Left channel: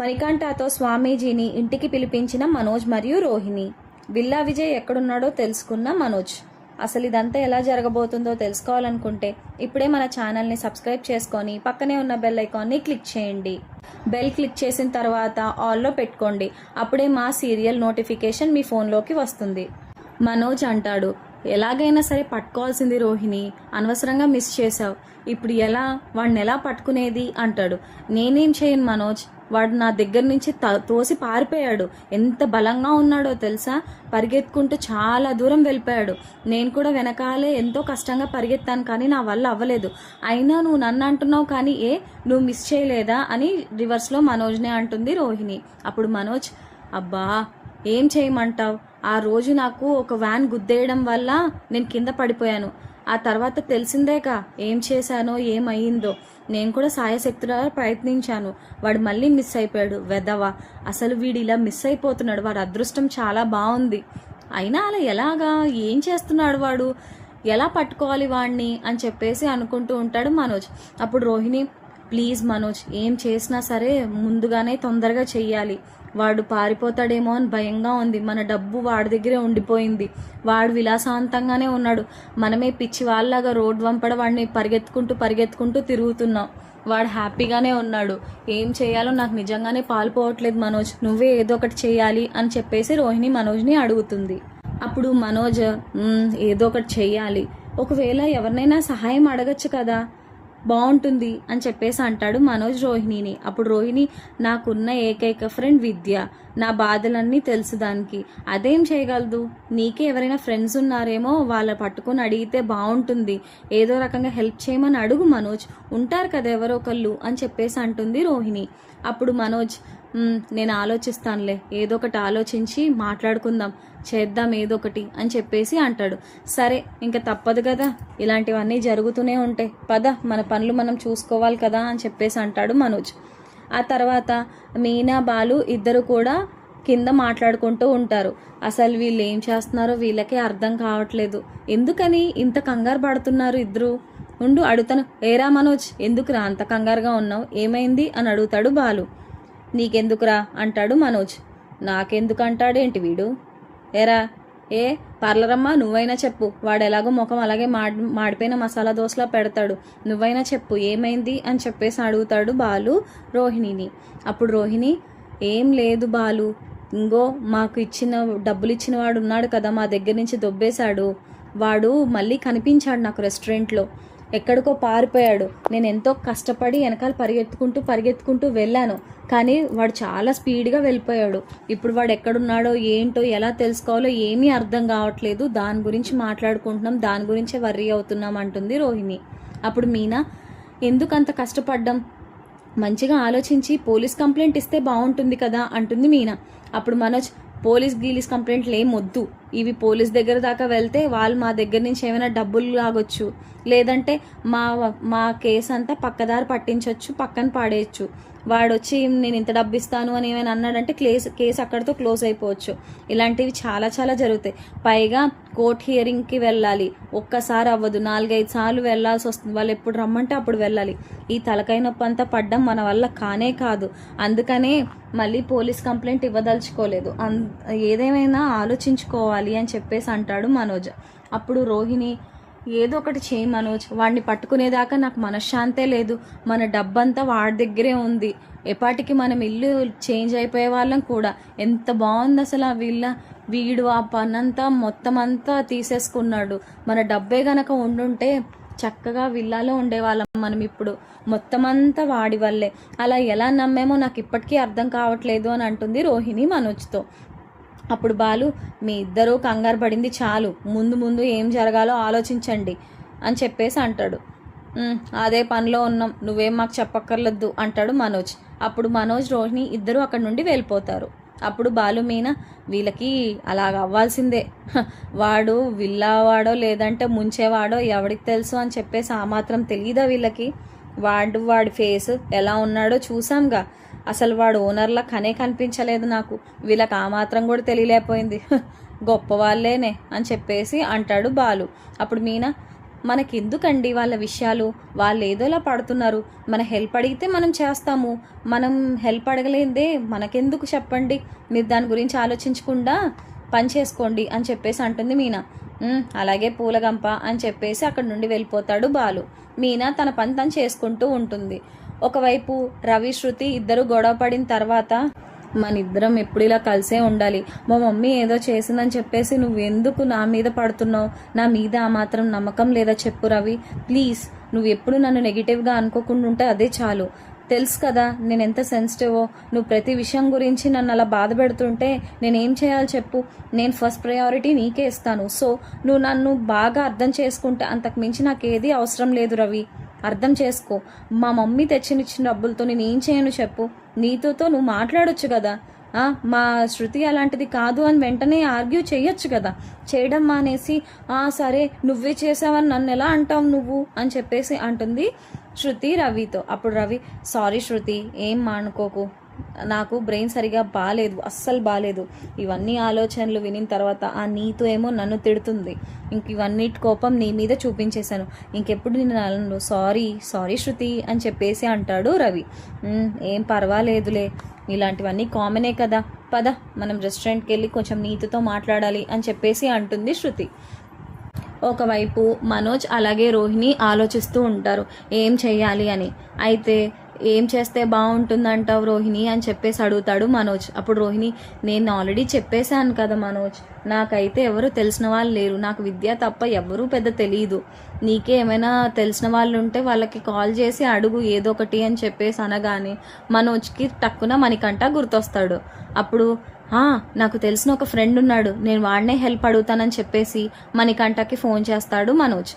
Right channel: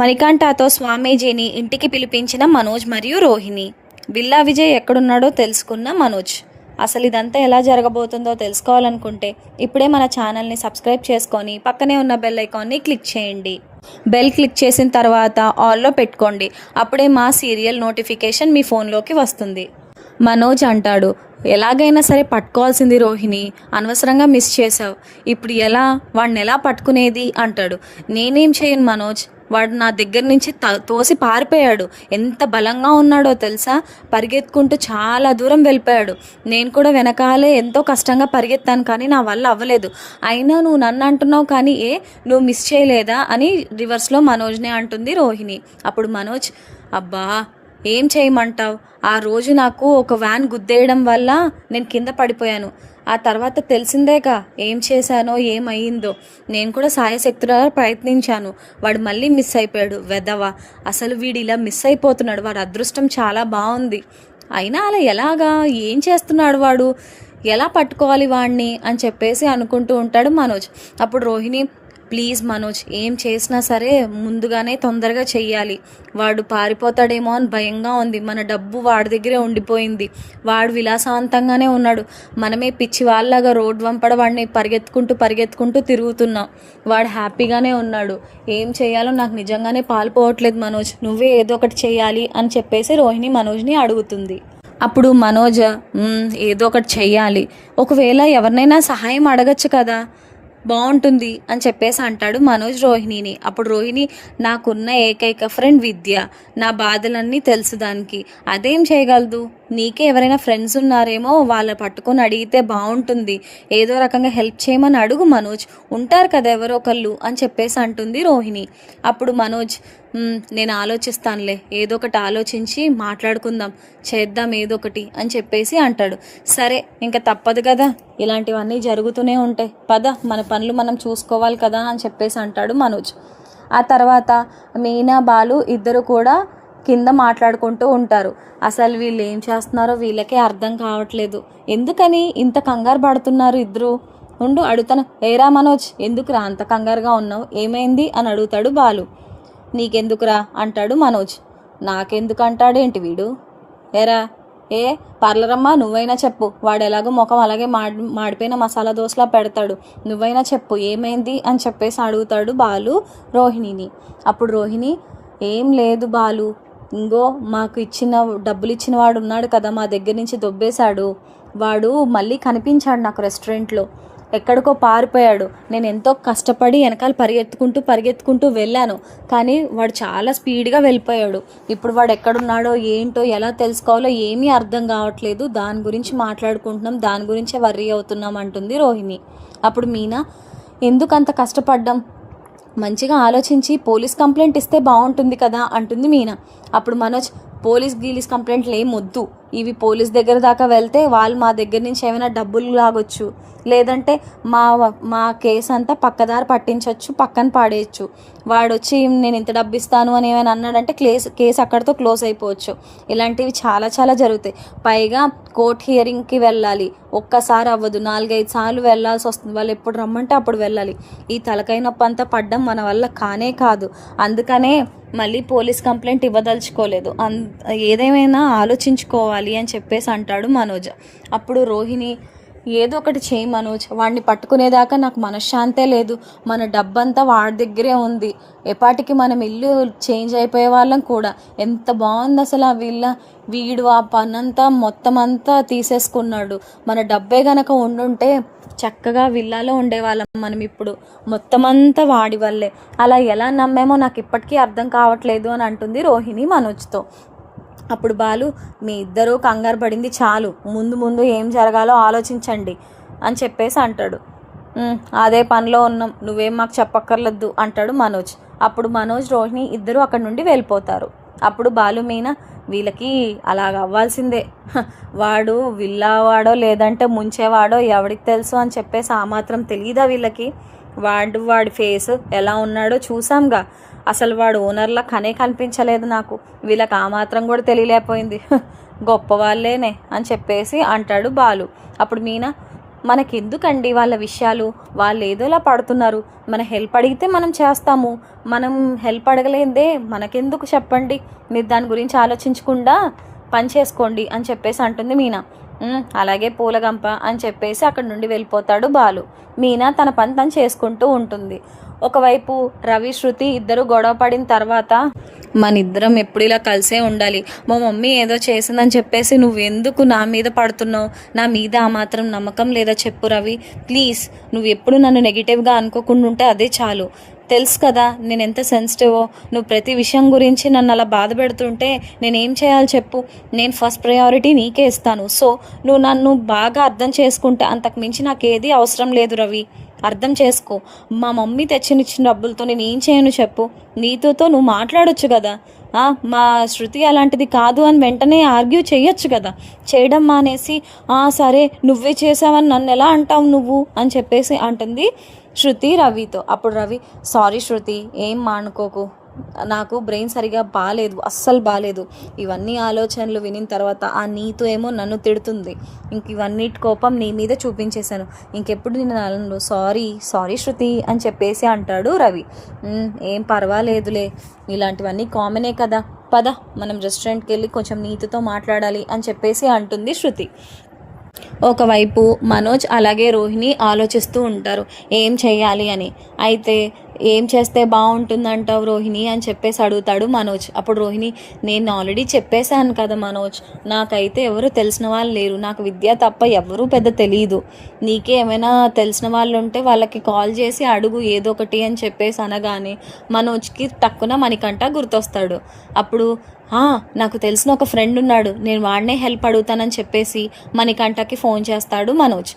మణికంఠతో స్వామీజీని ఇంటికి పిలిపించిన మనోజ్ మరియు రోహిణి. విల్లా విజయ్ ఎక్కడున్నాడో తెలుసుకున్న మనోజ్. అసలు ఇదంతా ఎలా జరగబోతుందో తెలుసుకోవాలనుకుంటే ఇప్పుడే మన ఛానల్ని సబ్స్క్రైబ్ చేసుకొని పక్కనే ఉన్న బెల్ ఐకాన్ని క్లిక్ చేయండి. బెల్ క్లిక్ చేసిన తర్వాత ఆల్లో పెట్టుకోండి. అప్పుడే మా సీరియల్ నోటిఫికేషన్ మీ ఫోన్లోకి వస్తుంది. మనోజ్ అంటాడు, ఎలాగైనా సరే పట్టుకోవాల్సింది రోహిణి, అనవసరంగా మిస్ చేసావు. ఇప్పుడు వాడిని ఎలా పట్టుకునేది అంటాడు. నేనేం చేయను మనోజ్, వాడు నా దగ్గర నుంచి తోసి పారిపోయాడు. ఎంత బలంగా ఉన్నాడో తెలుసా, పరిగెత్తుకుంటూ చాలా దూరం వెళ్ళిపోయాడు. నేను కూడా వెనకాలే ఎంతో కష్టంగా పరిగెత్తాను, కానీ నా వల్ల అవ్వలేదు. అయినా నువ్వు నన్ను అంటున్నావు, కానీ నువ్వు మిస్ చేయలేదా అని రివర్స్లో మనోజ్నే అంటుంది రోహిణి. అప్పుడు మనోజ్, అబ్బా ఏం చేయమంటావు, ఆ రోజు నాకు ఒక వ్యాన్ గుద్దేయడం వల్ల నేను కింద పడిపోయాను. ఆ తర్వాత తెలిసిందేగా ఏం చేశానో ఏమయ్యిందో. నేను కూడా సాయశక్తులా ప్రయత్నించాను. వాడు మళ్ళీ మిస్ అయిపోయాడు. వెధవ, అసలు వీడు ఇలా మిస్ అయిపోతున్నాడు. వాడు అదృష్టం చాలా బాగుంది. అయినా అలా ఎలాగా, ఏం చేస్తున్నాడు వాడు, ఎలా పట్టుకోవాలి వాడిని అని చెప్పేసి అనుకుంటూ ఉంటాడు మనోజ్. అప్పుడు రోహిణి, ప్లీజ్ మనోజ్, ఏం చేసినా సరే ముందుగానే తొందరగా చెయ్యాలి. వాడు పారిపోతాడేమో అని భయంగా ఉంది. మన డబ్బు వాడి దగ్గరే ఉండిపోయింది. వాడు విలాసవంతంగానే ఉన్నాడు. మనమే పిచ్చి వాళ్ళలాగా రోడ్ వంపడ వాడిని పరిగెత్తుకుంటూ తిరుగుతున్నాం. వాడు హ్యాపీగానే ఉన్నాడు. ఏం చేయాలో నాకు నిజంగానే పాలుపోవట్లేదు మనోజ్, నువ్వే ఏదో ఒకటి చేయాలి అని చెప్పేసి రోహిణి మనోజ్ని అడుగుతుంది. అప్పుడు మనోజ్, ఏదో ఒకటి చెయ్యాలి. ఒకవేళ ఎవరినైనా సహాయం అడగచ్చు కదా, బాగుంటుంది అని చెప్పేసి అంటాడు మనోజ్ రోహిణిని. అప్పుడు రోహిణి, నాకున్న ఏకైక ఫ్రెండ్ విద్య, నా బాధలన్నీ తెలుసు దానికి, అదేం చేయగలదు. నీకే ఎవరైనా ఫ్రెండ్స్ ఉన్నారేమో, వాళ్ళ పట్టుకొని అడిగితే బాగుంటుంది. ఏదో రకంగా హెల్ప్ చేయమని అడుగు మనోజ్, ఉంటారు కదా ఎవరో ఒకళ్ళు అని చెప్పేసి అంటుంది రోహిణి. అప్పుడు మనోజ్, నేను ఆలోచిస్తానులే, ఏదో ఒకటి ఆలోచించి మాట్లాడుకుందాం, చేద్దాం ఏదో ఒకటి అని చెప్పేసి అంటాడు. సరే, ఇంకా తప్పదు కదా, ఇలాంటివన్నీ జరుగుతూనే ఉంటాయి, పద మన పనులు మనం చూసుకోవాలి కదా అని చెప్పేసి అంటాడు మనోజ్. ఆ తర్వాత మీనా బాలు ఇద్దరు కూడా కింద మాట్లాడుకుంటూ ఉంటారు. అసలు వీళ్ళు ఏం చేస్తున్నారో వీళ్ళకే అర్థం కావట్లేదు. ఎందుకని ఇంత కంగారు పడుతున్నారు ఇద్దరు? అడుగుతాను, ఏరా మనోజ్, ఎందుకురా అంత కంగారుగా ఉన్నావు, ఏమైంది అని అడుగుతాడు బాలు. నీకెందుకురా అంటాడు మనోజ్. నాకెందుకు అంటాడేంటి వీడు, ఏరా పర్లరమ్మా, నువ్వైనా చెప్పు. వాడు ఎలాగో ముఖం అలాగే మాడిపోయిన మసాలా దోశలా పెడతాడు, నువ్వైనా చెప్పు ఏమైంది అని చెప్పేసి అడుగుతాడు బాలు రోహిణిని. అప్పుడు రోహిణి, ఏం లేదు బాలు, ఇంగో మాకు డబ్బులు ఇచ్చిన వాడు ఉన్నాడు కదా, మా దగ్గర నుంచి దొబ్బేశాడు. వాడు మళ్ళీ కనిపించాడు నాకు రెస్టారెంట్లో, ఎక్కడికో పారిపోయాడు. నేను ఎంతో కష్టపడి వెనకాల పరిగెత్తుకుంటూ వెళ్ళాను, కానీ వాడు చాలా స్పీడ్గా వెళ్ళిపోయాడు. ఇప్పుడు వాడు ఎక్కడున్నాడో ఏంటో ఎలా తెలుసుకోవాలో ఏమీ అర్థం కావట్లేదు. దాని గురించి మాట్లాడుకుంటున్నాం, దాని గురించే వర్రీ అవుతున్నాం అంటుంది రోహిణి. అప్పుడు మీనా, ఎందుకు అంత కష్టపడ్డాం, మంచిగా ఆలోచించి పోలీస్ కంప్లైంట్ ఇస్తే బాగుంటుంది కదా అంటుంది మీనా. అప్పుడు మనోజ్, పోలీస్ కంప్లైంట్లు ఏం వద్దు, ఇవి పోలీస్ దగ్గర దాకా వెళ్తే వాళ్ళు మా దగ్గర నుంచి ఏమైనా డబ్బులు లాగొచ్చు, లేదంటే మా కేసు అంతా పక్కదారి పట్టించవచ్చు, పక్కన పాడేయచ్చు. వాడు వచ్చి నేను ఇంత డబ్బు ఇస్తాను అని ఏమైనా అన్నాడంటే కేసు అక్కడితో క్లోజ్ అయిపోవచ్చు. ఇలాంటివి చాలా చాలా జరుగుతాయి. పైగా కోర్ట్ హియరింగ్కి వెళ్ళాలి, ఒక్కసారి అవ్వదు, 4-5 సార్లు వెళ్ళాల్సి వస్తుంది. వాళ్ళు ఎప్పుడు రమ్మంటే అప్పుడు వెళ్ళాలి. ఈ తలకాయ నొప్పి అంతా పడ్డం మన వల్ల కానే కాదు. అందుకనే మళ్ళీ పోలీస్ కంప్లైంట్ ఇవ్వదలుచుకోలేదు. ఏదేమైనా ఆలోచించుకోవాలి అని చెప్పేసి అంటాడు మనోజ్. అప్పుడు రోహిణి, ఏదో ఒకటి చేయి మనోజ్, వాడిని పట్టుకునేదాకా నాకు మనశ్శాంతే లేదు. మన డబ్బంతా వాడి దగ్గరే ఉంది. ఎప్పటికి మనం ఇల్లు చేంజ్ అయిపోయే వాళ్ళం కూడా. ఎంత బాగుంది అసలు ఆ వీడు ఆ పనంతా మొత్తం అంతా తీసేసుకున్నాడు. మన డబ్బే గనక ఉండుంటే చక్కగా విల్లాలో ఉండేవాళ్ళం మనం. ఇప్పుడు మొత్తం అంతా వాడి వల్లే. అలా ఎలా నమ్మేమో నాకు ఇప్పటికీ అర్థం కావట్లేదు అని అంటుంది రోహిణి మనోజ్తో. అప్పుడు బాలు, మీ ఇద్దరూ కంగారు పడింది చాలు, ముందు ఏం జరగాలో ఆలోచించండి అని చెప్పేసి అంటాడు. అదే పనిలో ఉన్నాం, నువ్వేం మాకు చెప్పక్కర్లేదు అంటాడు మనోజ్. అప్పుడు మనోజ్ రోహిణి ఇద్దరు అక్కడి నుండి వెళ్ళిపోతారు. అప్పుడు బాలు, మీనా, వీళ్ళకి అలాగ అవ్వాల్సిందే, వాడు విల్లావాడో లేదంటే ముంచేవాడో ఎవరికి తెలుసు అని చెప్పేసి ఆ మాత్రం తెలియదా వీళ్ళకి? వాడి ఫేస్ ఎలా ఉన్నాడో చూసాంగా, అసలు వాడు ఓనర్లా కనిపించలేదు నాకు. వీళ్ళకి ఆ మాత్రం కూడా తెలియలేకపోయింది, గొప్ప వాళ్ళేనే అని చెప్పేసి అంటాడు బాలు. అప్పుడు మీనా, మనకెందుకండి వాళ్ళ విషయాలు, వాళ్ళు ఏదోలా పడుతున్నారు, మన హెల్ప్ అడిగితే మనం చేస్తాము, మనం హెల్ప్ అడగలేదే మనకెందుకు చెప్పండి, మీరు దాని గురించి ఆలోచించకుండా పని చేసుకోండి అని చెప్పేసి అంటుంది మీనా. అలాగే పూలగంప అని చెప్పేసి అక్కడి నుండి వెళ్ళిపోతాడు బాలు. మీనా తన పని తను చేసుకుంటూ ఉంటుంది. ఒకవైపు రవి శృతి ఇద్దరు గొడవ పడిన తర్వాత, మన ఇద్దరం ఎప్పుడు ఇలా కలిసే ఉండాలి, మా మమ్మీ ఏదో చేసిందని చెప్పేసి నువ్వు ఎందుకు నా మీద పడుతున్నావు, నా మీద ఆ మాత్రం నమ్మకం లేదా చెప్పు రవి, ప్లీజ్ నువ్వు ఎప్పుడు నన్ను నెగిటివ్గా అనుకోకుండా ఉంటే అదే చాలు. తెలుసు కదా నేను ఎంత సెన్సిటివో, నువ్వు ప్రతి విషయం గురించి నన్ను అలా బాధ పెడుతుంటే నేనేం చేయాలి చెప్పు, నేను ఫస్ట్ ప్రయారిటీ నీకే ఇస్తాను. సో నువ్వు నన్ను బాగా అర్థం చేసుకుంటే అంతకు మించి నాకు ఏది అవసరం లేదు రవి, అర్థం చేసుకో. మా మమ్మీ తెచ్చినిచ్చిన డబ్బులతో నేను ఏం చేయను చెప్పు, నీతోతో నువ్వు మాట్లాడొచ్చు కదా, మా శృతి అలాంటిది కాదు అని వెంటనే ఆర్గ్యూ చేయొచ్చు కదా, చేయడం మానేసి సరే నువ్వే చేసావని నన్ను ఎలా అంటావు నువ్వు అని చెప్పేసి అంటుంది శృతి రవితో. అప్పుడు రవి, సారీ శృతి, ఏం మానుకోకు, నాకు బ్రెయిన్ సరిగా బాగాలేదు, అస్సలు బాగాలేదు. ఇవన్నీ ఆలోచనలు వినిన తర్వాత ఆ నీతో ఏమో నన్ను తిడుతుంది, ఇంక ఇవన్నిటి కోపం నీ మీద చూపించేశాను, ఇంకెప్పుడు నేను నన్ను సారీ శృతి అని చెప్పేసి అంటాడు రవి. ఏం పర్వాలేదులే, ఇలాంటివన్నీ కామనే కదా, పద మనం రెస్టారెంట్కి వెళ్ళి కొంచెం నీతితో మాట్లాడాలి అని చెప్పేసి అంటుంది శృతి. ఒకవైపు మనోజ్ అలాగే రోహిణి ఆలోచిస్తూ ఉంటారు ఏం చెయ్యాలి అని. అయితే ఏం చేస్తే బాగుంటుందంటావు రోహిణి అని చెప్పేసి అడుగుతాడు మనోజ్. అప్పుడు రోహిణి, నేను ఆల్రెడీ చెప్పేశాను కదా మనోజ్, నాకైతే ఎవరు తెలిసిన వాళ్ళు లేరు, నాకు విద్య తప్ప ఎవరూ పెద్ద తెలియదు, నీకే ఏమైనా తెలిసిన వాళ్ళు ఉంటే వాళ్ళకి కాల్ చేసి అడుగు ఏదో ఒకటి అని చెప్పేసి అనగానే మనోజ్కి టక్కున మణికంఠ గుర్తొస్తాడు. అప్పుడు నాకు తెలిసిన ఒక ఫ్రెండ్ ఉన్నాడు, నేను వాడినే హెల్ప్ అడుగుతానని చెప్పేసి మణికంఠకి ఫోన్ చేస్తాడు మనోజ్.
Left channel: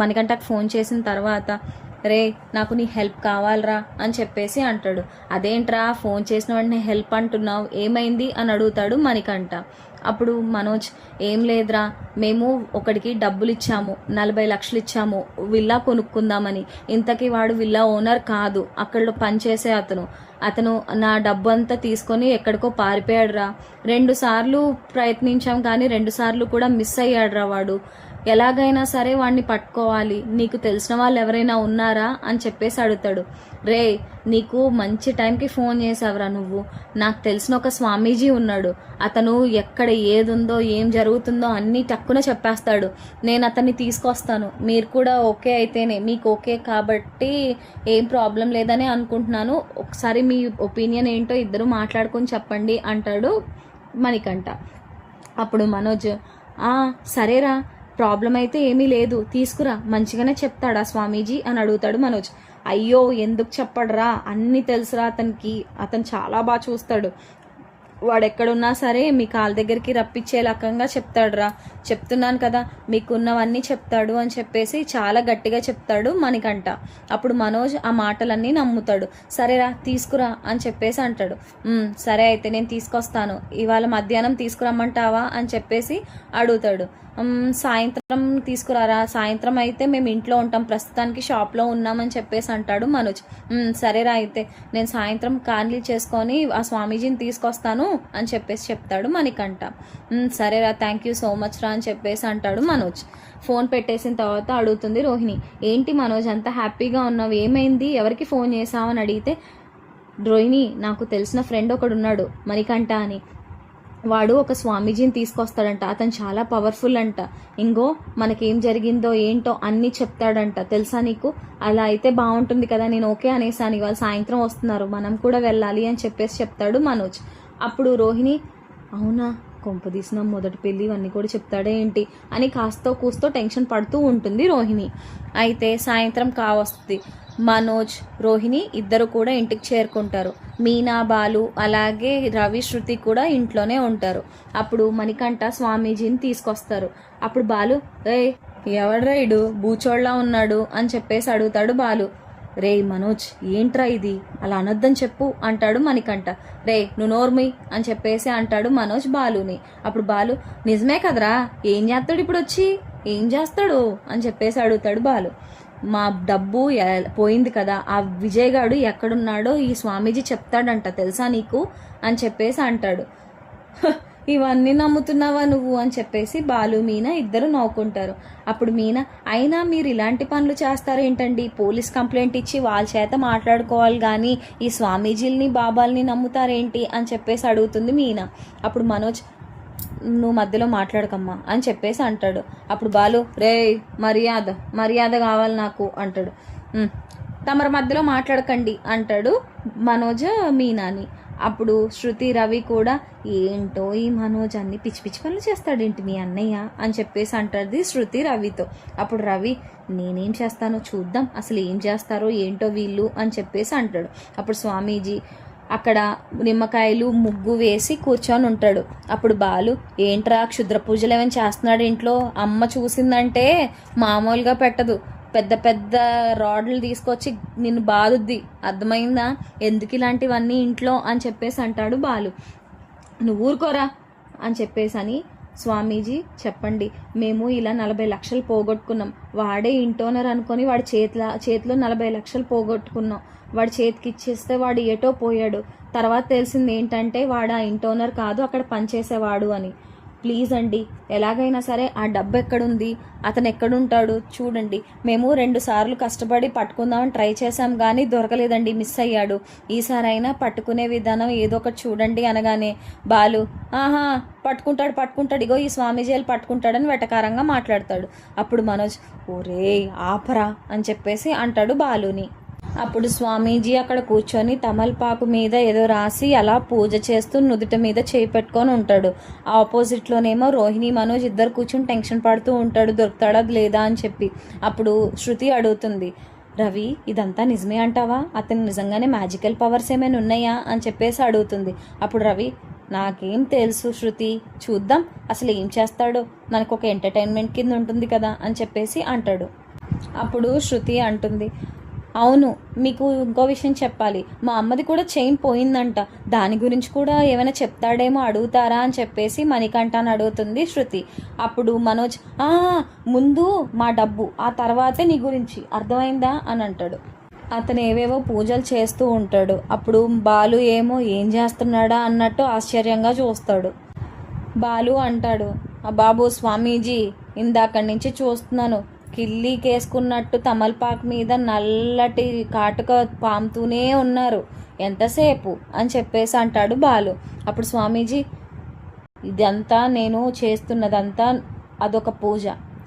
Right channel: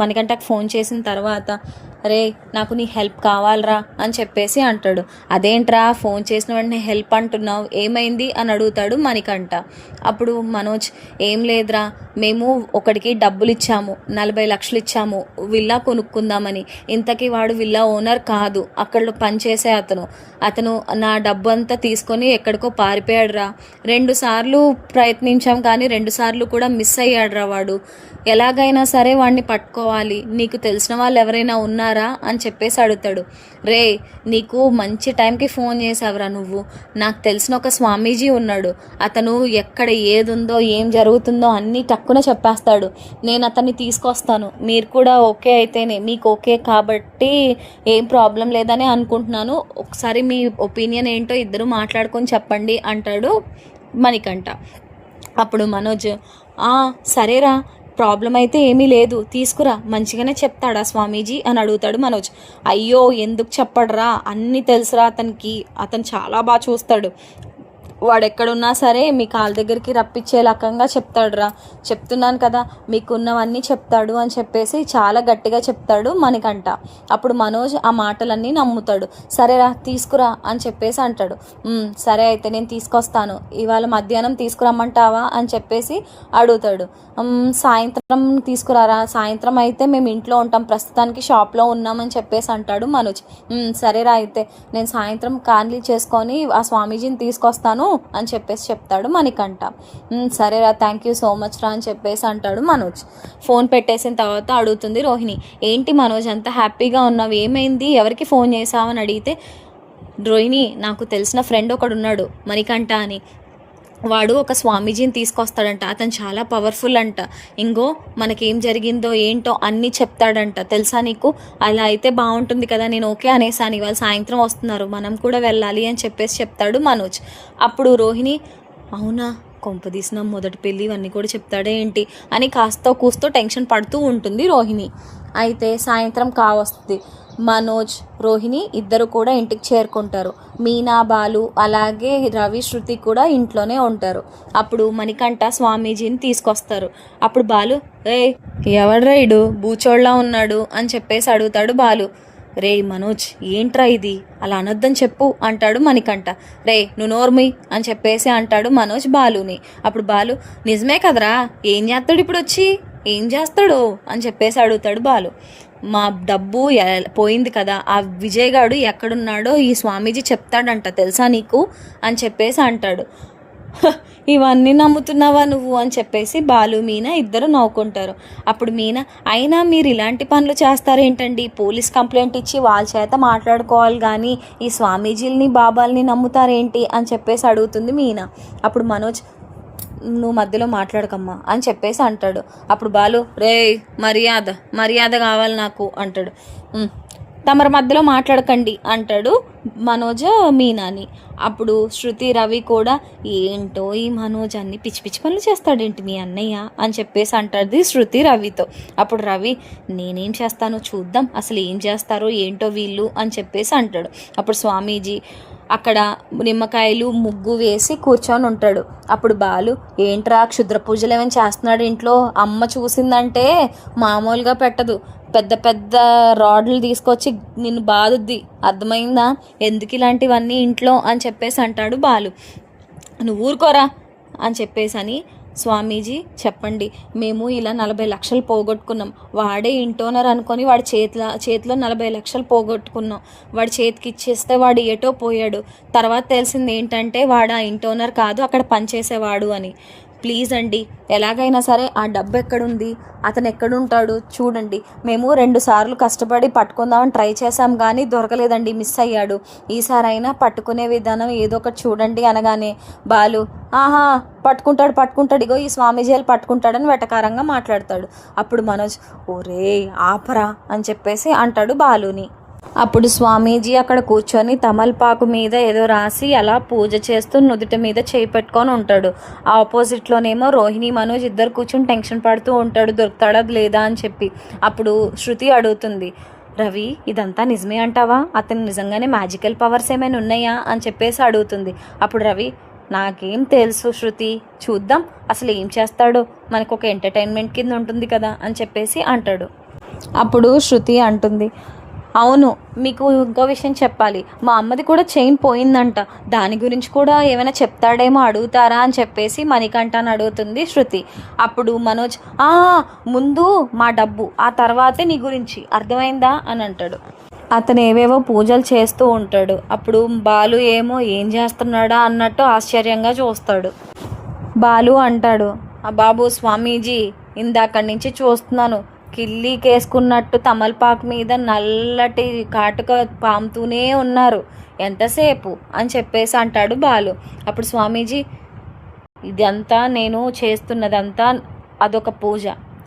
మణికంఠకి ఫోన్ చేసిన తర్వాత, రే నాకు నీ హెల్ప్ కావాలరా అని చెప్పేసి అంటాడు. అదేంట్రా ఫోన్ చేసిన వెంటనే హెల్ప్ అంటున్నావు, ఏమైంది అని అడుగుతాడు మణికంఠ. అప్పుడు మనోజ్, ఏం లేదురా, మేము ఒకడికి డబ్బులు ఇచ్చాము, 40 లక్షలు ఇచ్చాము విల్లా కొనుక్కుందామని, ఇంతకీ వాడు విల్లా ఓనర్ కాదు, అక్కడ పనిచేసే అతను నా డబ్బు అంతా తీసుకొని ఎక్కడికో పారిపోయాడురా, 2 సార్లు ప్రయత్నించాం కానీ 2 సార్లు కూడా మిస్ అయ్యాడురా వాడు, ఎలాగైనా సరే వాడిని పట్టుకోవాలి, నీకు తెలిసిన వాళ్ళు ఎవరైనా ఉన్నారా అని చెప్పేసి అడుగుతాడు. రే నీకు మంచి టైంకి ఫోన్ చేసావురా నువ్వు, నాకు తెలిసిన ఒక స్వామీజీ ఉన్నాడు, అతను ఎక్కడ ఏది ఉందో ఏం జరుగుతుందో అన్నీ టక్కున చెప్పేస్తాడు, నేను అతన్ని తీసుకొస్తాను, మీరు కూడా ఓకే అయితేనే, మీకు ఓకే కాబట్టి ఏం ప్రాబ్లం లేదని అనుకుంటున్నాను, ఒకసారి మీ ఒపీనియన్ ఏంటో ఇద్దరు మాట్లాడుకొని చెప్పండి అంటాడు మణికంఠ. అప్పుడు మనోజ్, సరేరా ప్రాబ్లం అయితే ఏమీ లేదు, తీసుకురా, మంచిగానే చెప్తాడా స్వామీజీ అని అడుగుతాడు మనోజ్. అయ్యో ఎందుకు చెప్పడరా, అన్నీ తెలుసురా అతనికి, అతను చాలా బాగా చూస్తాడు, వాడు ఎక్కడున్నా సరే మీ కాళ్ళ దగ్గరికి రప్పించే రకంగా చెప్తాడురా, చెప్తున్నాను కదా మీకున్నవన్నీ చెప్తాడు అని చెప్పేసి చాలా గట్టిగా చెప్తాడు మణికంఠ. అప్పుడు మనోజ్ ఆ మాటలన్నీ నమ్ముతాడు. సరేరా తీసుకురా అని చెప్పేసి అంటాడు. సరే అయితే నేను తీసుకొస్తాను, ఇవాళ మధ్యాహ్నం తీసుకురమ్మంటావా అని చెప్పేసి అడుగుతాడు. సాయంత్రం తీసుకురారా, సాయంత్రం అయితే మేము ఇంట్లో ఉంటాం, ప్రస్తుతానికి షాప్లో ఉన్నామని చెప్పేసి అంటాడు మనోజ్. సరేరా అయితే నేను సాయంత్రం కార్లీ చేసుకొని ఆ స్వామీజీని తీసుకొస్తాను అని చెప్పేసి చెప్తాడు మణికంఠ. సరేరా, థ్యాంక్ యూ సో మచ్ రా అని చెప్పేసి అంటాడు మనోజ్. ఫోన్ పెట్టేసిన తర్వాత అడుగుతుంది రోహిణి, ఏంటి మనోజ్ అంత హ్యాపీగా ఉన్నావు, ఏమైంది, ఎవరికి ఫోన్ చేసావని అడిగితే, రోహిణి నాకు తెలిసిన ఫ్రెండ్ ఒకడు ఉన్నాడు మణికంఠ అని, వాడు ఒక స్వామీజీని తీసుకొస్తాడంట, అతను చాలా పవర్ఫుల్ అంట, ఇంకో మనకేం జరిగిందో ఏంటో అన్నీ చెప్తాడంట, తెలుసా నీకు, అలా అయితే బాగుంటుంది కదా, నేను ఓకే అనేసాను, ఇవాళ సాయంత్రం వస్తున్నారు మనం కూడా వెళ్ళాలి అని చెప్పేసి చెప్తాడు మనోజ్. అప్పుడు రోహిణి, అవునా కొంపదీసిన మొదటి పెళ్ళి ఇవన్నీ కూడా చెప్తాడే ఏంటి అని కాస్త కూస్తో టెన్షన్ పడుతూ ఉంటుంది రోహిణి. అయితే సాయంత్రం కావస్తుంది, మనోజ్ రోహిణి ఇద్దరు కూడా ఇంటికి చేరుకుంటారు. మీనా బాలు అలాగే రవి శృతి కూడా ఇంట్లోనే ఉంటారు. అప్పుడు మణికంఠ స్వామీజీని తీసుకొస్తారు. అప్పుడు బాలు, ఎవడ్రా ఇడు బూచోళ్ళ ఉన్నాడు అని చెప్పేసి అడుగుతాడు బాలు. రే మనోజ్ ఏంట్రా ఇది, అలా అనొద్దని చెప్పు అంటాడు మణికంఠ. నువ్వు నోర్మి అని చెప్పేసి అంటాడు మనోజ్ బాలుని. అప్పుడు బాలు, నిజమే కదరా, ఏం చేస్తాడు ఇప్పుడు వచ్చి, ఏం చేస్తాడు అని చెప్పేసి అడుగుతాడు బాలు. మా డబ్బు పోయింది కదా, ఆ విజయ్ గాడు ఎక్కడున్నాడో ఈ స్వామీజీ చెప్తాడంట, తెలుసా నీకు అని చెప్పేసి అంటాడు. ఇవన్నీ నమ్ముతున్నావా నువ్వు అని చెప్పేసి బాలు మీనా ఇద్దరు నవ్వుకుంటారు. అప్పుడు మీనా, అయినా మీరు ఇలాంటి పనులు చేస్తారేంటండి, పోలీస్ కంప్లైంట్ ఇచ్చి వాళ్ళ చేత మాట్లాడుకోవాలి కానీ ఈ స్వామీజీలని బాబాల్ని నమ్ముతారేంటి అని చెప్పేసి అడుగుతుంది మీనా. అప్పుడు మనోజ్, నువ్వు మధ్యలో మాట్లాడకమ్మా అని చెప్పేసి అంటాడు. అప్పుడు బాలు, మర్యాద మర్యాద కావాలి నాకు అంటాడు. తమరి మధ్యలో మాట్లాడకండి అంటాడు మనోజ్ మీనాని. అప్పుడు శృతి రవి కూడా, ఏంటో ఈ మనోజ్ అన్ని పిచ్చి పిచ్చి పనులు చేస్తాడేంటి మీ అన్నయ్య అని చెప్పేసి అంటాడు శృతి రవితో. అప్పుడు రవి, నేనేం చేస్తానో చూద్దాం, అసలు ఏం చేస్తారో ఏంటో వీళ్ళు అని చెప్పేసి అంటాడు. అప్పుడు స్వామీజీ అక్కడ నిమ్మకాయలు ముగ్గు వేసి కూర్చొని ఉంటాడు. అప్పుడు బాలు, ఏంట్రా క్షుద్ర పూజలు ఏమైనా చేస్తున్నాడు ఇంట్లో, అమ్మ చూసిందంటే మామూలుగా పెట్టదు, పెద్ద పెద్ద రాడ్లు తీసుకొచ్చి నిన్ను బాదుద్ది, అర్థమైందా, ఎందుకు ఇలాంటివన్నీ ఇంట్లో అని చెప్పేసి అంటాడు బాలు. నువ్వు ఊరుకోరా అని చెప్పేసి అని, స్వామీజీ చెప్పండి, మేము ఇలా 40 లక్షలు పోగొట్టుకున్నాం, వాడే ఇంటోనర్ అనుకొని వాడి చేతిలో 40 లక్షలు పోగొట్టుకున్నాం, వాడి చేతికి ఇచ్చేస్తే వాడు ఏటో పోయాడు, తర్వాత తెలిసింది ఏంటంటే వాడు ఆ ఇంటోనర్ కాదు, అక్కడ పనిచేసేవాడు అని. ప్లీజ్ అండి, ఎలాగైనా సరే ఆ డబ్బు ఎక్కడుంది, అతను ఎక్కడుంటాడు చూడండి, మేము 2 సార్లు కష్టపడి పట్టుకుందామని ట్రై చేసాం కానీ దొరకలేదండి, మిస్ అయ్యాడు, ఈసారైనా పట్టుకునే విధానం ఏదో ఒకటి చూడండి అనగానే బాలు, ఆహా పట్టుకుంటాడు, ఇగో ఈ స్వామీజీలు పట్టుకుంటాడని వెటకారంగా మాట్లాడతాడు. అప్పుడు మనోజ్, ఓరే ఆపరా అని చెప్పేసి అంటాడు బాలుని. అప్పుడు స్వామీజీ అక్కడ కూర్చొని తమలపాకు మీద ఏదో రాసి అలా పూజ చేస్తూ నుదుటి మీద చేయి పెట్టుకొని ఉంటాడు. ఆపోజిట్లోనేమో రోహిణి మనోజ్ ఇద్దరు కూర్చొని టెన్షన్ పడుతూ ఉంటాడు, దొరుకుతాడా లేదా అని చెప్పి. అప్పుడు శృతి అడుగుతుంది, రవి ఇదంతా నిజమే అంటావా, అతను నిజంగానే మ్యాజికల్ పవర్స్ ఏమైనా ఉన్నాయా అని చెప్పేసి అడుగుతుంది. అప్పుడు రవి, నాకేం తెలుసు శృతి, చూద్దాం అసలు ఏం చేస్తాడో, మనకు ఒక ఎంటర్టైన్మెంట్ కింద ఉంటుంది కదా అని చెప్పేసి అంటాడు. అప్పుడు శృతి అంటుంది, అవును మీకు ఇంకో విషయం చెప్పాలి, మా అమ్మది కూడా చైన్ పోయిందంట, దాని గురించి కూడా ఏమైనా చెప్తాడేమో, అడుగుతారా అని చెప్పేసి మణికంఠని అడుగుతుంది శృతి. అప్పుడు మనోజ్, ముందు మా డబ్బు, ఆ తర్వాతే నీ గురించి, అర్థమైందా అని అంటాడు. అతను ఏవేవో పూజలు చేస్తూ ఉంటాడు. అప్పుడు బాలు ఏమో ఏం చేస్తున్నాడా అన్నట్టు ఆశ్చర్యంగా చూస్తాడు. బాలు అంటాడు, బాబు స్వామీజీ ఇందాకడి నుంచి చూస్తున్నాను, కిల్లీకేసుకున్నట్టు తమలపాకు మీద నల్లటి కాటుక పాముతూనే ఉన్నారు, ఎంతసేపు అని చెప్పేసి అంటాడు బాలు. అప్పుడు స్వామీజీ, ఇదంతా నేను చేస్తున్నదంతా అదొక పూజ,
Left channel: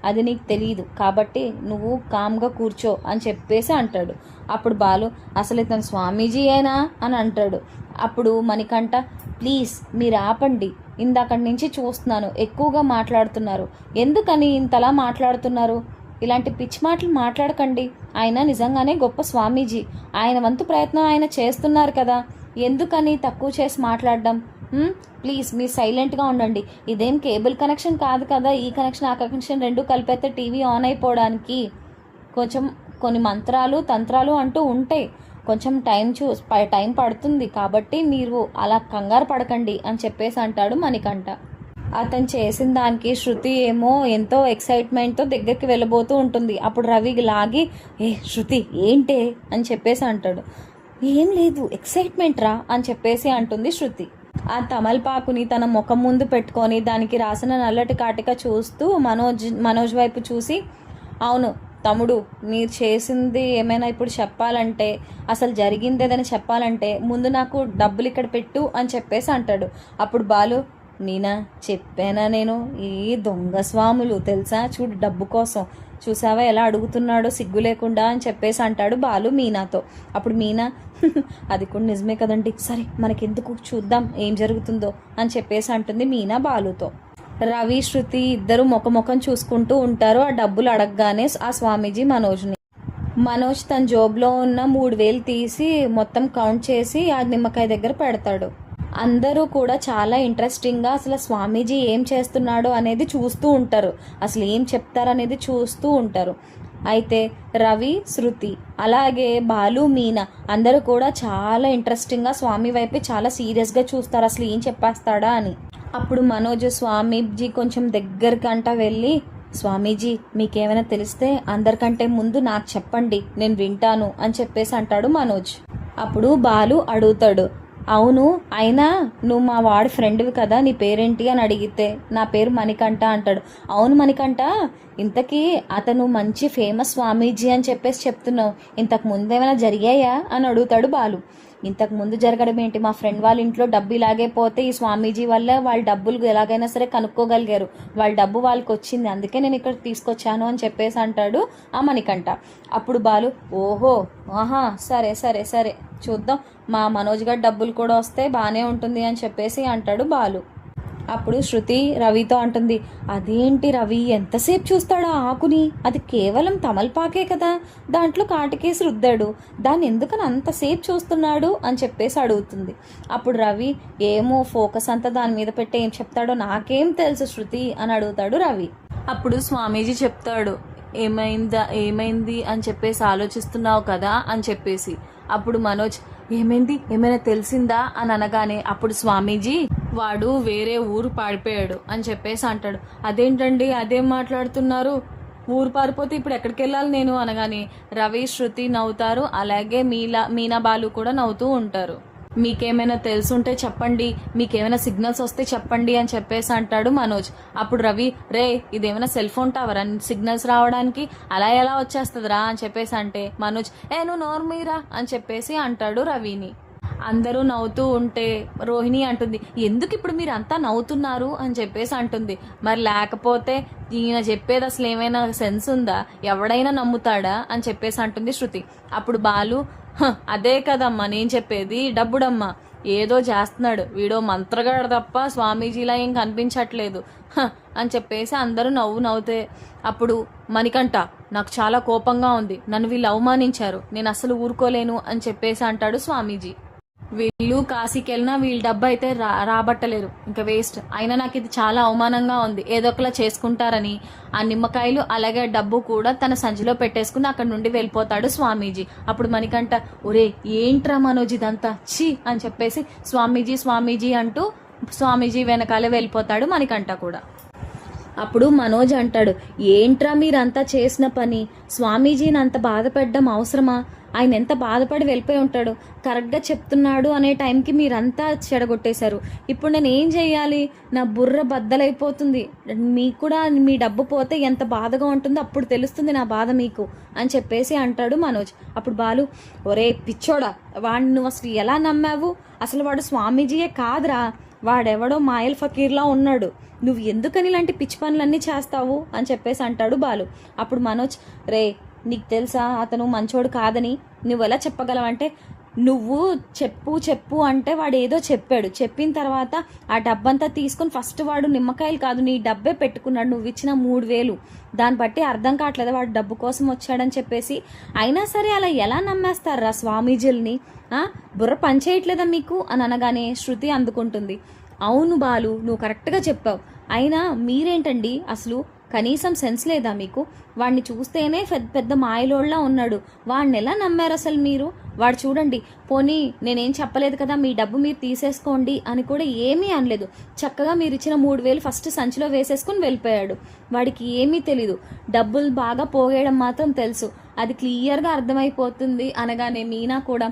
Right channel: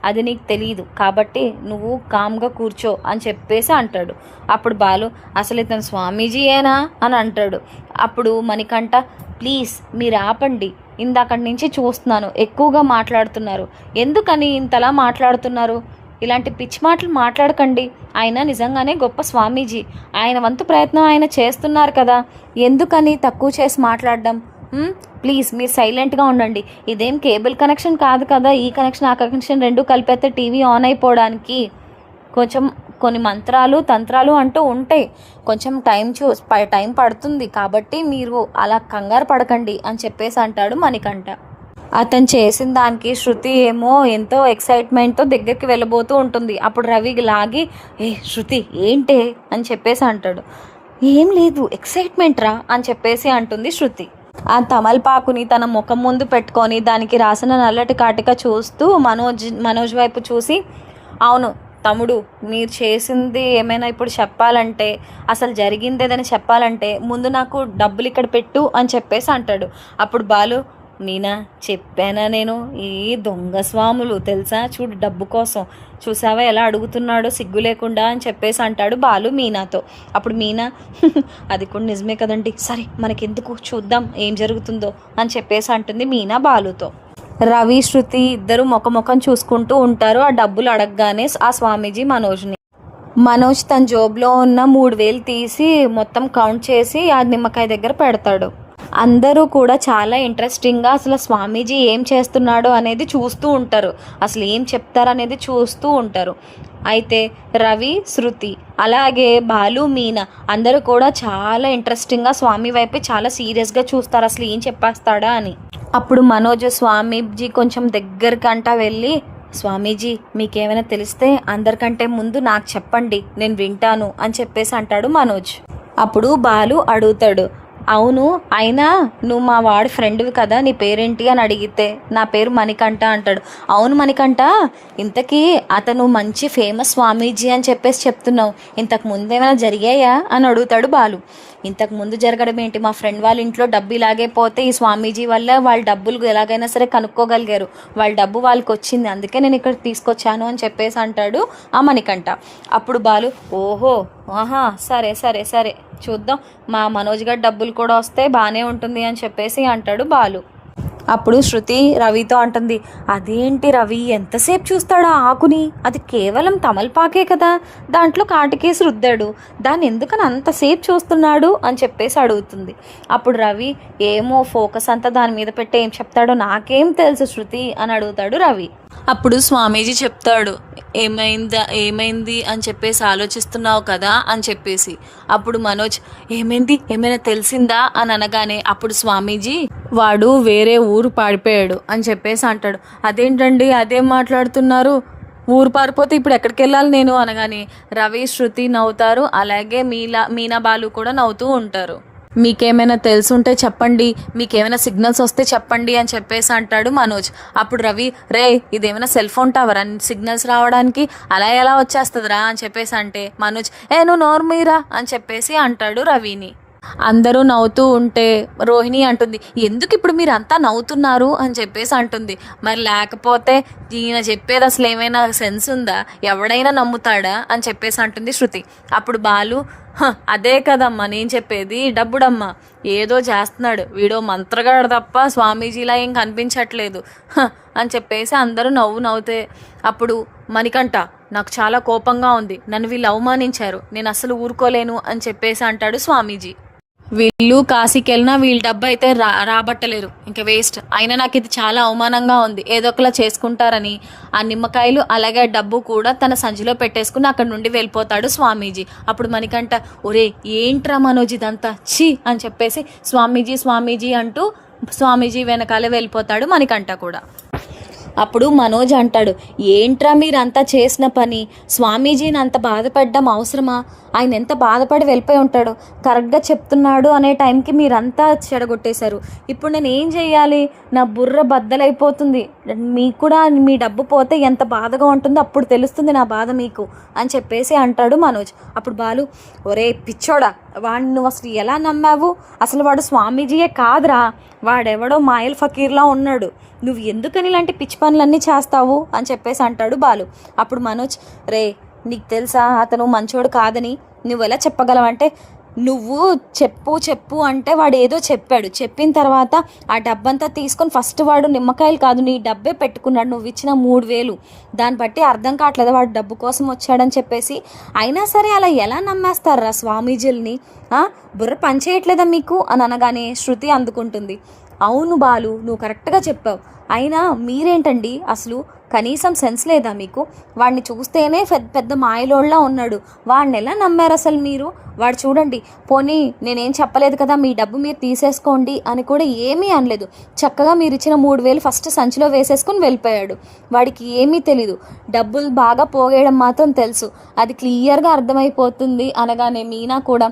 అది నీకు తెలియదు కాబట్టి నువ్వు కామ్గా కూర్చో అని చెప్పేసి అంటాడు. అప్పుడు బాలు, అసలు ఇతను స్వామీజీయేనా అని అంటాడు. అప్పుడు మణికంఠ, ప్లీజ్ మీరు ఆపండి, ఇందాకడి నుంచి చూస్తున్నాను ఎక్కువగా మాట్లాడుతున్నారు, ఎందుకని ఇంతలా మాట్లాడుతున్నారు, ఇలాంటి పిచ్చి మాటలు మాట్లాడకండి, ఆయన నిజంగానే గొప్ప స్వామీజీ, ఆయన వంతు ప్రయత్నం ఆయన చేస్తున్నారు కదా, ఎందుకని తక్కువ చేసి మాట్లాడడం, ప్లీజ్ మీరు సైలెంట్గా ఉండండి, ఇదేం కేబుల్ కనెక్షన్ కాదు కదా, ఈ కనెక్షన్ ఆ కనెక్షన్ రెండు కలిపేస్తే టీవీ ఆన్ అయిపోవడానికి కొంచెం కొన్ని మంత్రాలు తంత్రాలు అంటూ ఉంటాయి, కొంచెం టైం పడుతుంది, కాబట్టి మీరు అలా కంగారు పడకండి అని చెప్పేసి అంటాడు మణికంఠ. అతను చేసిన దానికి శృతి ఏమో ఎంతో ఎక్సైట్మెంట్తో దగ్గరికి వెళ్ళబోతూ ఉంటుంది. అప్పుడు రవి లాగి, శృతి ఏంటే అని చెప్పేసి అంటాడు. ఏం లేదు, ఎక్సైట్మెంట్ రా అని చెప్పేసి అంటుంది శృతి. ఆ తమలపాకుని తన ముఖం ముందు పెట్టుకొని దానికి రాసిన నల్లటి కాటిక చూస్తూ మనోజ్ వైపు చూసి, అవును తమ్ముడు, మీరు చేసింది ఏమైనా ఇప్పుడు చెప్పాలంటే, అసలు జరిగింది ఏదైనా చెప్పాలంటే ముందు నాకు డబ్బులు ఇక్కడ పెట్టు అని చెప్పేసి అంటాడు. అప్పుడు బాలు, మీనా చెప్పానా నేను, ఈ దొంగ స్వాములు తెలుసా, చూడు డబ్బు కోసం చూసావా ఎలా అడుగుతున్నాడో సిగ్గు లేకుండా అని చెప్పేసి అంటాడు బాలు మీనాతో. అప్పుడు మీనా, అది కూడా నిజమే కదండి, సరే మనకెందుకు, చూద్దాం ఏం జరుగుతుందో అని చెప్పేసి అంటుంది మీనా బాలుతో. రవి శృతి ఇద్దరు ముఖం చూసుకుంటూ ఉంటారు. ఆ డబ్బులు అడగగానే ఆ స్వామీజీ మనోజ్ తన జోబులో ఉన్న 3,000 తీసి మొత్తం కౌంట్ చేసి ఆ నిమ్మకాయ దగ్గర పెడతాడు. అందరూ కూడా చాలా ఇంట్రెస్టింగ్గా అసలు స్వామీజీ ఏం చేస్తున్నాడో అనేది చూస్తూ ఉంటారు, అసలు ఏం చెప్తారనేది చూస్తూ ఉంటారు. అయితే రవి శృతి అలాగే బాలు మీనా అందరూ కూడా చాలా ఇంట్రెస్టింగ్గా స్వామి వైపు చాలా సీరియస్గా చూస్తారు, అసలు ఏం చెప్పేస్తాడా అని. అప్పుడు మనోజ్ స్వామీజీ కొంచెం దగ్గరకంటా వెళ్ళి, స్వామీజీ మీకేమైనా తెలిస్తే అందరికంటే ముందు నాకు చెప్పండి, నేను వింటాను అని చెప్పేసి అంటాడు మనోజ్. అప్పుడు బాలు అడుగుతాడు, అవును, అయినా నువ్వు మా వాడి ఫ్రెండ్వి కదా, నీ పేరేంటి అని అడిగితే నా పేరు మణికంఠ అంటాడు. అవును మణికంఠ, ఇంతకీ అతను మంచి ఫేమస్ స్వామీజీ అని చెప్పేసి చెప్తున్నావు, ఇంతకు ముందు ఏమైనా జరిగాయా అని అడుగుతాడు బాలు. ఇంతకు ముందు జరగడం ఏంటి, మా ఫ్రెండ్ వాళ్ళ ఇంట్లో డబ్బు ఇలాగే పోతే ఈ స్వామీజీ వల్ల వాళ్ళ డబ్బులు ఎలాగైనా సరే కనుక్కోగలిగారు, వాళ్ళ డబ్బు వాళ్ళకి వచ్చింది, అందుకే నేను ఇక్కడ తీసుకొచ్చాను అని చెప్పేసి అంటాడు ఆ మణికంఠ. అప్పుడు బాలు, ఓహో, ఆహా, సరే సరే సరే, చూద్దాం, మా మనోజ్ గారి డబ్బులు కూడా వస్తే బాగానే ఉంటుంది అని చెప్పేసి అంటాడు బాలు. అప్పుడు శృతి రవితో అంటుంది, అదేంటి రవి, ఎంతసేపు చూస్తాడు ఆ ఆకుని, అది కేవలం తమలపాకే కదా, దాంట్లో కాటికేసి రుద్దాడు, దాన్ని ఎందుకని అంతసేపు చూస్తున్నాడు అని చెప్పేసి అడుగుతుంది. అప్పుడు రవి, ఏమో, ఫోకస్ అంతా దాని మీద పెట్టి ఏం చెప్తాడో నాకేం తెలుసు శృతి అని అడుగుతాడు రవి. అప్పుడు స్వామీజీ చెప్తాడు, ఏమైంది అని చెప్పేసి ఆలోచిస్తున్నావు కదా అని చెప్పేసి. అప్పుడు మనోజ్, ఏమైంది, ఏమైనా తెలిసిందా అని అనగానే అప్పుడు స్వామీజీ, వాడు వేరే ఊరు పారిపోయాడు అని చెప్పేసి అంటాడు. అదేంటండి, అదేం మాట్లాడుతున్నారు, ఊరు పారిపోతే ఇప్పుడు ఎక్కడికి వెళ్ళాలి నేను అనగానే రవి శృతి నవ్వుతారు, అలాగే మీనా బాలు కూడా నవ్వుతూ ఉంటారు. మీకేమైనా తెలుసుంటే చెప్పండి, మీకేమైనా సిగ్నల్స్ వస్తే చెప్పండి అని చెప్పేసి అంటాడు మనోజ్. అప్పుడు రవి, రే, ఇదేమైనా సెల్ ఫోన్ టవర్ అని సిగ్నల్స్ రావడానికి, అలా ఎలా వచ్చేస్తుందిరా అని చెప్పేసి అంటే మనోజ్, నువ్వు నోర్మీరా అని చెప్పేసి అంటాడు రవిని. అందరూ నవ్వుతూ ఉంటే రోహిణి అంటుంది, ఎందుకు ఇప్పుడు మీరు అంతా నవ్వుతున్నారు అని చెప్పేసి అంటుంది. మరి లేకపోతే ఈయన చెప్పేది అసలు ఏమైనా సెన్స్ ఉందా, ఎవడైనా నమ్ముతాడా అని చెప్పేసి అంటుంది శృతి. అప్పుడు బాలు, అదే కదమ్మా నేను చెప్పేది, డబ్బుడమ్మా, ఏదో చేస్తున్నాడు వీడో మంత్రగాడు తప్ప స్వామీజీలా ఏం కనిపించట్లేదు అని చెప్పేసి అందరూ నవ్వుతే అప్పుడు మణికంఠ, నాకు చాలా కోపంగా ఉంది, నన్ను వీళ్ళు అవమానించారు, నేను అసలు ఊరుకోలేను అని చెప్పేసి అంటాడు స్వామీజీ. వీళ్ళు కాశీకి వెళ్ళినా వీళ్ళ డబ్బు అయితే రాబట్టలేరు, ఇంకా వేస్ట్, అయినా నాకు ఇది చాలా అవమానంగా ఉంది, ఏదో ఒకలా చేసుకుంటారని ఆ నిమ్మకాయలు అలాగే డబ్బు కూడా తన సంచిలో పెట్టేసుకుని అక్కడ నుండి వెళ్ళిపోతాడు స్వామీజీ. అప్పుడు మణికంఠ, ఒరే ఏంట్రా మనోజ్ ఇదంతా, ఛీ అని చెప్పేసి స్వామీజీ అంటూ స్వామీజీ వెనకాలే వెళ్ళిపోతాడు మణికంఠ కూడా. అప్పుడు మనోజ్ అంటాడు, ఏంట్రా మీరంతా చేసిన పని, స్వామీజీని అంత బాధపడ్డం అవసరమా, ఆయన ఎంత బాధపడి వెళ్ళిపోయి ఉంటాడు, కరెక్ట్గా చెప్తున్నాడు అనే టైంకి మీరంతా చెడగొట్టేశారు, ఇప్పుడు నేను ఏం చెయ్యాలి, నా బుర్ర బద్దలైపోతుంది, మీకు కూడా మీ డబ్బు పోతే ఎంత బాధగా ఉంటుందో అప్పుడు తెలుస్తుంది నా బాధ మీకు అని చెప్పేసి అంటాడు మనోజ్. అప్పుడు బాలు, ఒరే పిచ్చోడా, వాడిని నువ్వు అసలు ఎలా నమ్మావు, అసలు వాడు స్వామీజీయే కాదురా, వాడెవడో మాయల్ ఫకీర్లా ఉన్నాడు, నువ్వు ఎందుకని ఇలాంటి పిచ్చి పనులన్నీ చేస్తావు అని చెప్పేసి అంటాడు బాలు. అప్పుడు మనోజ్, రే నీకు తెలుసా అతను మంచోడు కాదని, నువ్వు ఎలా చెప్పగలవంటే, నువ్వు చెప్పు అంటే వాడు ఏదో చెప్పాడు, చెప్పిన తర్వాత ఆ డబ్బంతా తీసుకొని ఫస్ట్ వాడు నిమ్మకాయలు కాదు నీ డబ్బే పెట్టుకున్నాడు, నువ్వు ఇచ్చిన 3,000, దాన్ని బట్టి అర్థం కావట్లేదు వాడు డబ్బు కోసం వచ్చాడని చెప్పేసి. అయినా సరే అలా ఎలా నమ్మేస్తారా స్వామీజీల్ని, బుర్ర పనిచేయట్లేదా మీకు అని అనగానే శృతి అందుకుంటుంది, అవును బాలు, నువ్వు కరెక్ట్గా చెప్పావు, అయినా మీరేంటండి అసలు కనీసం సెన్స్ లేదా మీకు, వాడిని చూస్తేనే పెద్ద మాయలోళ్ళ ఉన్నాడు, వాడిని ఎలా నమ్మారు అసలు మీరు, వాడు చూడండి, పోనీ నేనేం చెప్పలేదు కదా మీ డబ్బు మీరు తీసేసుకోండి అని కూడా ఏమీ అనలేదు, చక్కగా మీరు ఇచ్చిన 3,000 ఫస్ట్ సంచిలో వేసేసుకుని వెళ్ళిపోయాడు, వాడికి ఏమీ తెలీదు, డబ్బులు బాగా పోగేయడం మాత్రం తెలుసు, అది క్లియర్గా అర్థమైపోతుంది అనగానే మీనా కూడా,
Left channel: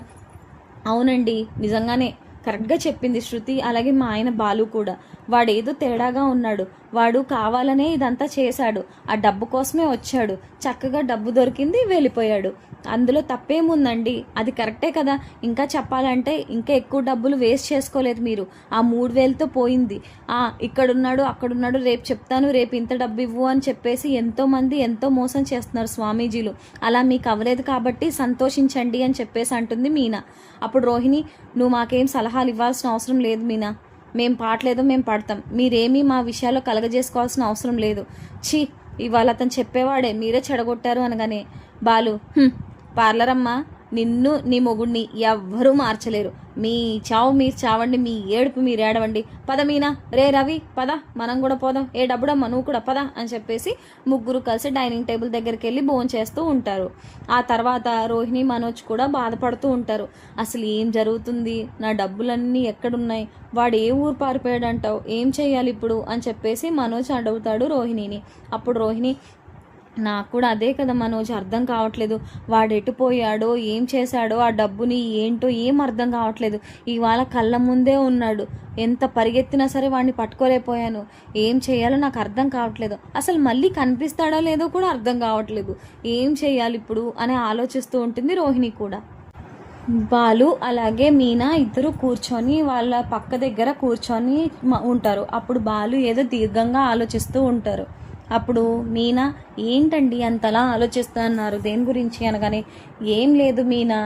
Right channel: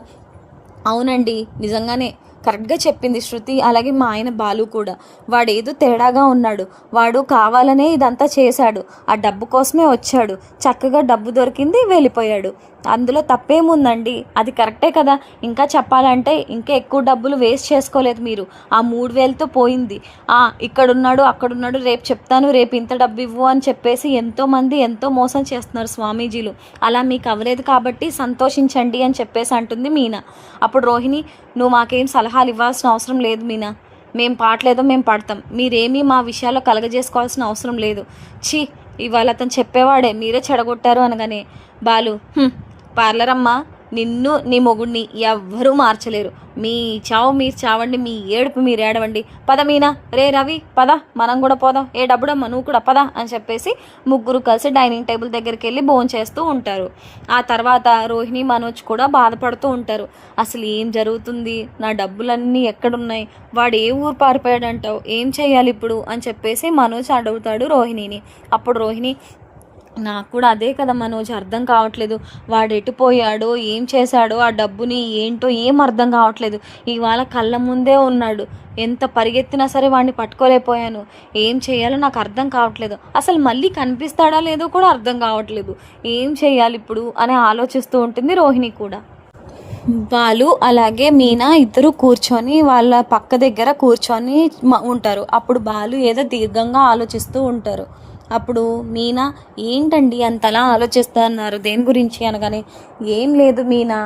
అవునండి నిజంగానే కరెక్ట్గా చెప్పింది శృతి, అలాగే మా ఆయన బాలు కూడా, వాడేదో తేడాగా ఉన్నాడు, వాడు కావాలనే ఇదంతా చేశాడు, ఆ డబ్బు కోసమే వచ్చాడు, చక్కగా డబ్బు దొరికింది వెళ్ళిపోయాడు, అందులో తప్పేముందండి, అది కరెక్టే కదా, ఇంకా చెప్పాలంటే ఇంకా ఎక్కువ డబ్బులు వేస్ట్ చేసుకోలేదు మీరు, ఆ 3,000తో పోయింది, ఇక్కడున్నాడు అక్కడున్నాడు రేపు చెప్తాను రేపు ఇంత డబ్బు ఇవ్వు అని చెప్పేసి ఎంతోమంది ఎంతో మోసం చేస్తున్నారు స్వామీజీలు, అలా మీకు అవ్వలేదు కాబట్టి సంతోషించండి అని చెప్పేసి అంటుంది మీనా. అప్పుడు రోహిణి, నువ్వు మాకేం సలహాలు ఇవ్వాల్సిన అవసరం లేదు మీనా, మేం పాటలేదో మేము పడతాం, మీరేమీ మా విషయాల్లో కలగజేసుకోవాల్సిన అవసరం లేదు, ఛీ ఇవాళ అతను చెప్పేవాడే మీరే చెడగొట్టారు అనగానే బాలు, పార్లర్ అమ్మ, నిన్ను నీ మొగుడిని ఎవ్వరూ మార్చలేరు, మీ చావు మీరు చావండి, మీ ఏడుపు మీరు ఏడవండి, పద మీనా, రే రవి పద మనం కూడా పోదాం, డబ్బుడమ్మ నువ్వు కూడా పద అని చెప్పేసి ముగ్గురు కలిసి డైనింగ్ టేబుల్ దగ్గరికి వెళ్ళి భోంచేస్తూ ఉంటారు. ఆ తర్వాత రోహిణి మనోజ్ కూడా బాధపడుతూ ఉంటారు, అసలు ఏం జరుగుతుంది, నా డబ్బులన్నీ ఎక్కడున్నాయి, వాడు ఏ ఊరు పారిపోయాడంటావు, ఏం చేయాలి ఇప్పుడు అని చెప్పేసి మనోజ్ అడుగుతాడు రోహిణిని. అప్పుడు రోహిణి, నాకు కూడా అదే కదా మనోజ్ అర్థం కావట్లేదు. వాడు ఎటు పోయాడో, ఏం చేశాడో, ఆ డబ్బుని ఏంటో ఏం అర్థం కావట్లేదు. ఇవాళ కళ్ళ ముందే ఉన్నాడు. ఎంత పరిగెత్తినా సరే వాడిని పట్టుకోలేకపోయాను. ఏం చేయాలో నాకు అర్థం కావట్లేదు. అసలు మళ్ళీ కనిపిస్తాడా లేదో కూడా అర్థం కావట్లేదు. ఏం చేయాలి ఇప్పుడు అని ఆలోచిస్తూ ఉంటుంది రోహిణి కూడా. వాళ్ళు అలాగే మీనా ఇద్దరు కూర్చొని వాళ్ళ పక్క దగ్గర కూర్చొని ఉంటారు. అప్పుడు బాలు ఏదో దీర్ఘంగా ఆలోచిస్తూ ఉంటారు. అప్పుడు మీనా, ఏంటండి అంతలా ఆలోచిస్తున్నారు దేని గురించి అనగానే, ఏం లేదు మీనా,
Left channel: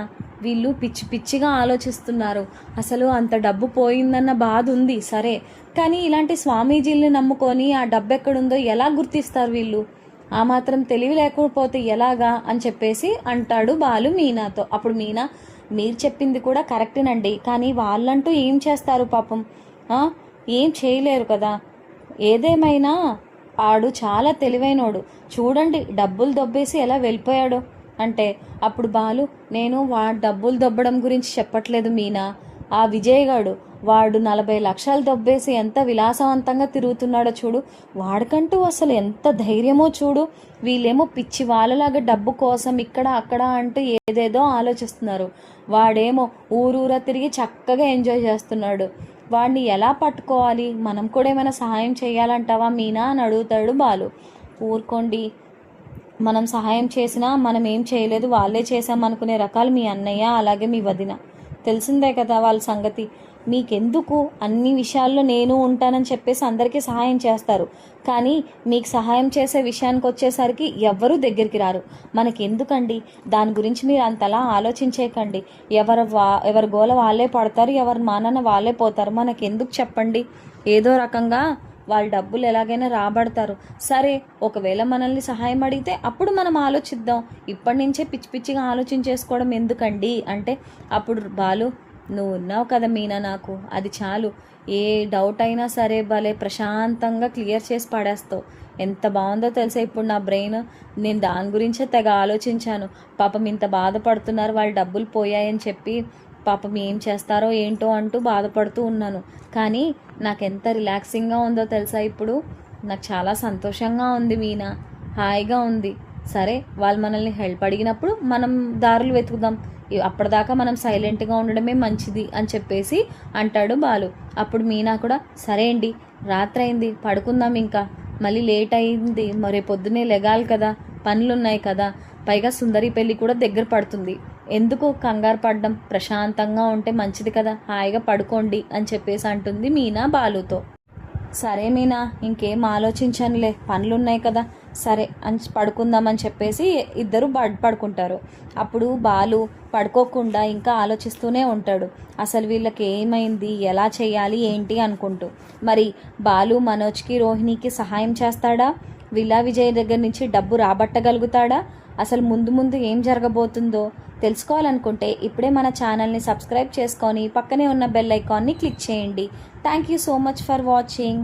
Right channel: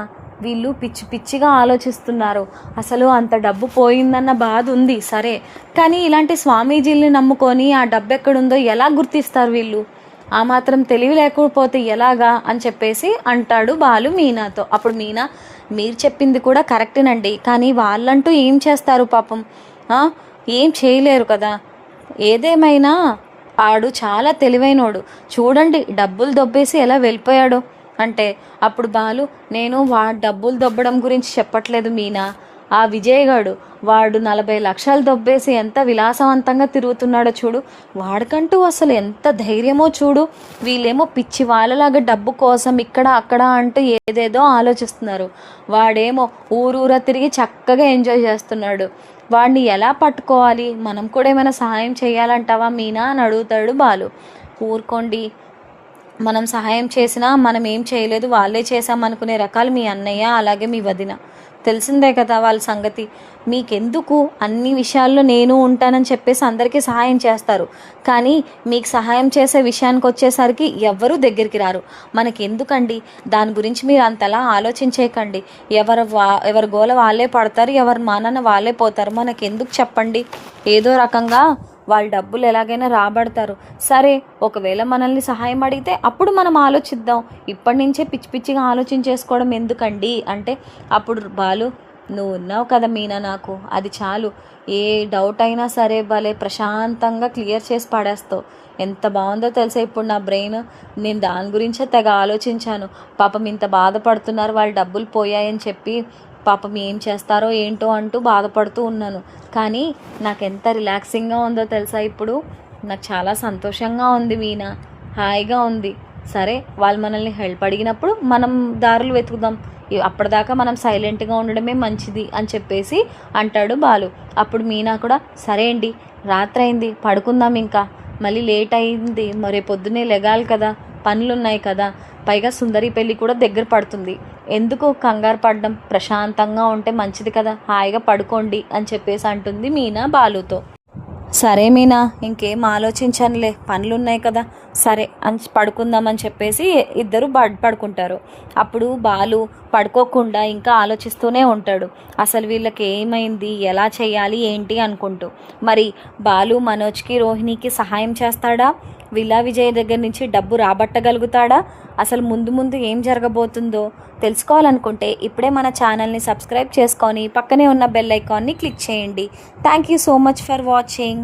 వీళ్ళు పిచ్చి పిచ్చిగా ఆలోచిస్తున్నారు. అసలు అంత డబ్బు పోయిందన్న బాధ ఉంది సరే, కానీ ఇలాంటి స్వామీజీల్ని నమ్ముకొని ఆ డబ్బు ఎక్కడుందో ఎలా గుర్తిస్తారు వీళ్ళు? ఆ మాత్రం తెలివి లేకపోతే ఎలాగా అని చెప్పేసి అంటాడు బాలు మీనాతో. అప్పుడు మీనా, మీరు చెప్పింది కూడా కరెక్టేనండి, కానీ వాళ్ళంటూ ఏం చేస్తారు పాపం, ఏం చేయలేరు కదా. ఏదేమైనా ఆడు చాలా తెలివైనోడు, చూడండి డబ్బులు దొబ్బేసి ఎలా వెళ్ళిపోయాడో అంటే. అప్పుడు బాలు, నేను డబ్బులు దొబ్బడం గురించి చెప్పట్లేదు మీనా. ఆ విజయ్ గాడు వాడు 40 లక్షలు దొబ్బేసి ఎంత విలాసవంతంగా తిరుగుతున్నాడో చూడు. వాడికంటూ అసలు ఎంత ధైర్యమో చూడు. వీళ్ళేమో పిచ్చి వాళ్ళలాగా డబ్బు కోసం ఇక్కడ అక్కడ అంటూ ఏదేదో ఆలోచిస్తున్నారు. వాడేమో ఊరూరా తిరిగి చక్కగా ఎంజాయ్ చేస్తున్నాడు. వాడిని ఎలా పట్టుకోవాలి? మనం కూడా ఏమైనా సహాయం చేయాలంటావా మీనా అని అడుగుతాడు బాలు. ఊరుకోండి, మనం సహాయం చేసినా మనం ఏం చేయలేదు, వాళ్ళే చేశామనుకునే రకాలు మీ అన్నయ్య అలాగే మీ వదిన. తెలిసిందే కదా వాళ్ళ సంగతి. మీకెందుకు అన్ని విషయాల్లో నేను ఉంటానని చెప్పేసి అందరికీ సహాయం చేస్తారు, కానీ మీకు సహాయం చేసే విషయానికి వచ్చేసరికి ఎవ్వరూ దగ్గరికి రారు. మనకెందుకండి దాని గురించి మీరు అంతలా ఆలోచించేయకండి. ఎవరి గోల వాళ్ళే పడతారు, ఎవరి మానన్న వాళ్ళే పోతారు. మనకెందుకు చెప్పండి? ఏదో రకంగా వాళ్ళ డబ్బులు ఎలాగైనా రాబడతారు. సరే, ఒకవేళ మనల్ని సహాయం అడిగితే అప్పుడు మనం ఆలోచిద్దాం. ఇప్పటి నుంచే పిచ్చి పిచ్చిగా ఆలోచించేసుకోవడం ఎందుకండి అంటే, అప్పుడు బాలు, నువ్వు ఉన్నావు కదా మీనా, నాకు అది చాలు. ఏ డౌట్ అయినా సరే భలే ప్రశాంతంగా క్లియర్ చేసి పడేస్తావు. ఎంత బాగుందో తెలుసా ఇప్పుడు నా బ్రెయిన్. నేను దాని గురించే తెగ ఆలోచించాను. పాపం ఇంత బాధపడుతున్నారు, వాళ్ళ డబ్బులు పోయాయని చెప్పి పాపం ఏం చేస్తారో ఏంటో అంటూ బాధపడుతూ ఉన్నాను. కానీ నాకు ఎంత రిలాక్సింగ్గా ఉందో తెలుసా ఇప్పుడు. నాకు చాలా సంతోషంగా ఉంది మీనా, హాయిగా ఉంది. సరే, వాళ్ళు మనల్ని హెల్ప్ అడిగినప్పుడు మనం దారులు వెతుకుదాం. అప్పటిదాకా మనం సైలెంట్గా ఉండడమే మంచిది అని చెప్పేసి అంటాడు బాలు. అప్పుడు మీనా కూడా, సరే అండి, రాత్రి అయింది, పడుకుందాం, ఇంకా మళ్ళీ లేట్ అయింది, మరి పొద్దున్నే లెగాలి కదా, పనులున్నాయి కదా, పైగా సుందరి పెళ్ళి కూడా దగ్గర పడుతుంది, ఎందుకు కంగారు పడడం, ప్రశాంతంగా ఉంటే మంచిది కదా, హాయిగా పడుకోండి అని చెప్పేసి అంటుంది మీనా బాలుతో. సరే మీనా, ఇంకేం ఆలోచించనులే, పనులున్నాయి కదా, సరే అని పడుకుందామని చెప్పేసి ఇద్దరు పడుకుంటారు. అప్పుడు బాలు పడుకోకుండా ఇంకా ఆలోచిస్తూనే ఉంటాడు. అసలు వీళ్ళకి ఏమైంది, ఎలా చేయాలి ఏంటి అనుకుంటూ. మరి బాలు మనోజ్కి రోహిణికి సహాయం చేస్తాడా? విల్లా విజయ్ దగ్గర నుంచి డబ్బు రాబట్టగలుగుతాడా? అసలు ముందు ముందు ఏం జరగబోతుందో తెలుసుకోవాలనుకుంటే ఇప్పుడే మన ఛానల్ని సబ్స్క్రైబ్ చేసుకొని పక్కనే ఉన్న బెల్ ఐకాన్ని క్లిక్ చేయండి. Thank you so much for watching.